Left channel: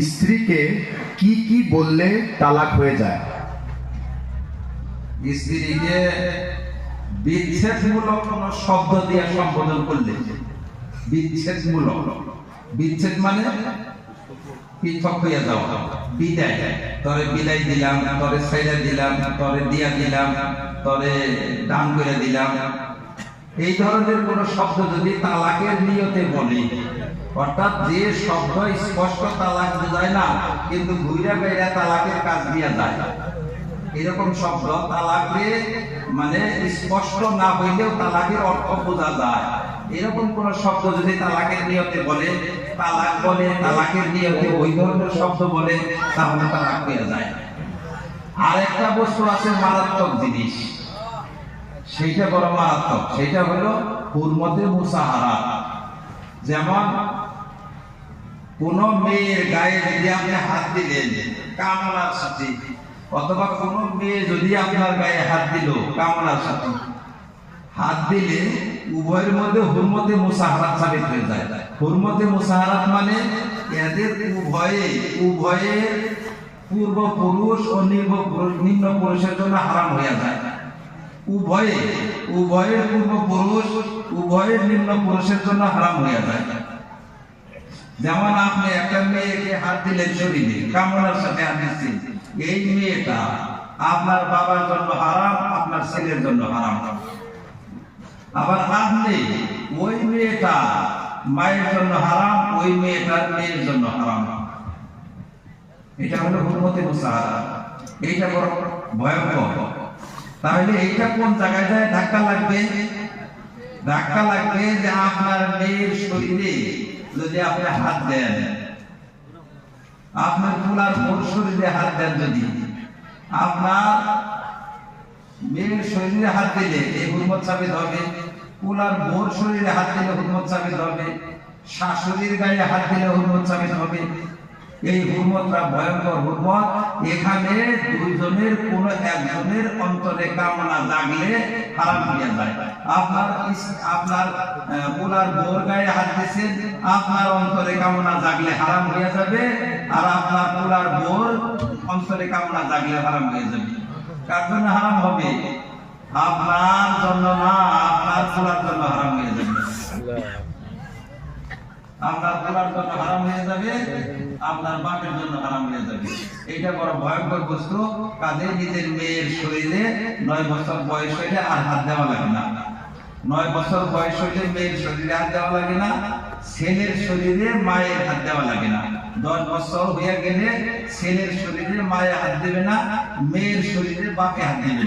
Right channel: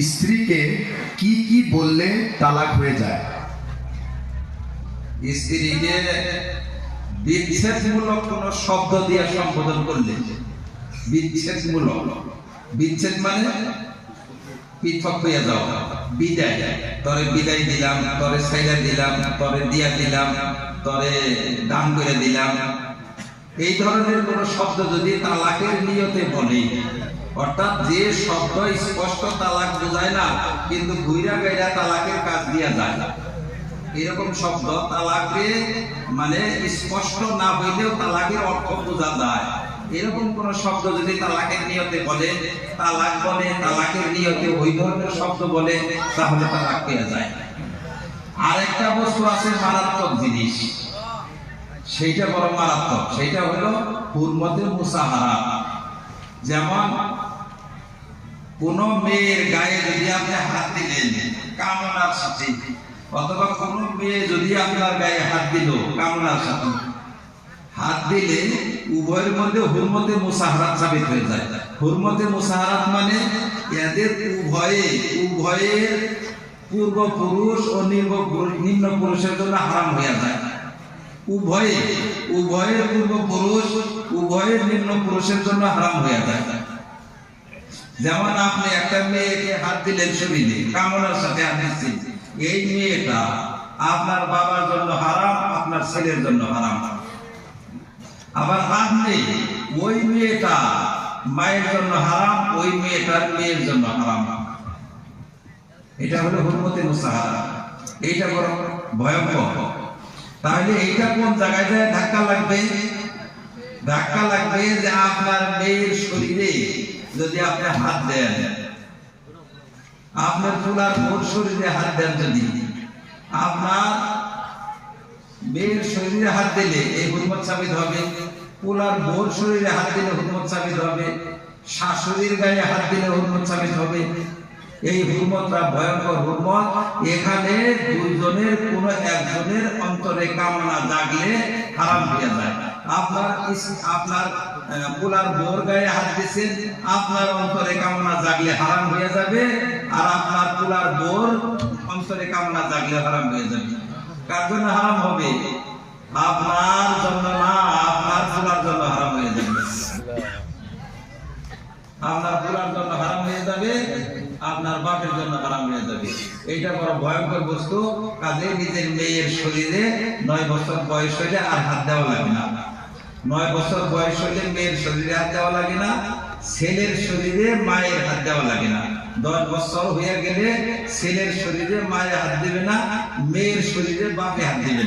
স্ত্রীকে কি কি বললে তালাক হয়ে যায়? স্ত্রীকে বিচ্ছেদমূলক কোন শব্দ দিয়ে সম্বোধন করলে বিচ্ছেদমূলক। বিচ্ছেদ মানে পৃথক যাওয়া। বিদায়। তরে বিদায় দিলাম, তরে সাইডা দিলাম, তরে দিয়া দিলাম, তরে দান করে দিলাম। এই ধরনের কোন শব্দ যদি তালাকের নিয়তে বলি অর্থাৎ যে শব্দ স্পষ্ট তালাক বোঝায় না, কিন্তু ঘুইরা বেড়া তালাকের কাজ দিয়া যায়। এরকম শব্দ তালাকে মানে স্পষ্ট না হইলেও তালাকের অর্থ বোঝা যায়। এরকম কোন শব্দ যদি তালাকের নিয়তে বলে, তালাক বলে, তালাকের নিয়তে ওই ধরনের শব্দ বলে, তাহলে তালাক পেয়ে যায়। আর একটা বস্তু আছে মারাত্মক জিনিস। সেইটা বড় মারাত্মক। সেইটা হলো হুরমতে মুসাহারা যেমন কোন মেয়ের গায়ে যদি আপনি হাত দিলেন কামনার সাথে অথবা কোন মেয়ে যদি আপনার গায়ে হাত দিল কামনার সাথে হাত দিলে উভয়ের মধ্যে হুরমতে মুসাহারাত সাবিত হয়ে যায়। হুরমতে মুসাহারাত মানে এদের উভয়ে উভয়ের পূর্বপুরুষ ও নিম্ন নিম্ন পুরুষের জন্য হারাম হয়ে যায়। উভয়ে, উভয়ের পূর্বপুরুষ, উভয়ের নিম্ন পুরুষের জন্য হারাম হয়ে যায়। যেমন আপনি একটা মেয়েকে হাত দিলেন শরীরে কামনার সাথে হাত এই মেয়েটা আপনার বাবার জন্য হারাম, আপনার ছেলের জন্য হারাম। আবার আপনি ওই মেয়েটা মায়ের জন্য হারাম, ওই মেয়েটার মেয়ের জন্য হারাম। এটা হলো হুকুমতি মুসাহারা এইটা বড় ভয়ঙ্কর। তাহলে এইটা কোন জায়গায় যায়? ধাক্কা লাগবে? ধাক্কা লাগবে যে আপনার মেয়ের শরীরে যদি আপনি হাত দেন, আপনার পুলার মোর শরীরে হাত দেন যদি, আপনার মেয়ের শরীরে হাত দিলে এই হুকুমত সাবিত হবে, পুলার মোর শরীরে হাত দিলে হুকুমত সাবিত হবে, শাশুড়ির গায়ে হাত দিলে হুকুমত সাবিত হবে। এই হুকুমতটা ভয়ঙ্কর হুকুমত এখানে দুইজনের কোন একজনের অন্তরে কামনা জাগলে হারাম হয়ে যায়। আপনার আপনার পুলার বোর গায়ে হাত দিয়েছেন, আপনার অন্তরে কামনা জাগলে হারাম হয়ে যাবে, আর আপনার পুলার বোর অন্তরে কামনা জাগলে হারাম হয়ে যাবে। কার জন্য হারাম হবে? আপনার জন্য না, আপনার পুলার জন্য হারাম হয়ে যাবে। আপনার পুরার জন্য হারাম হয়ে যাবে, আপনার বাপের জন্য হারাম হয়ে যাবে। এটা বড় ভয়ঙ্কর বস্তু। কাজে নিজের মেয়ের শরীরে নয় বছর বয়স হইলে আর হাত দেওয়া লাগে না। নয় বছর বয়স হইলে মেয়ের শরীরে হাত দেওয়া লাগে না, ছেলের শরীরে মায়ের হাত দেওয়া লাগে না। দশ বছর হয়ে গেলে ছেলের শরীরে মায়ের হাত দেবে না, মেয়ের শরীরে বাপে হাত দেবে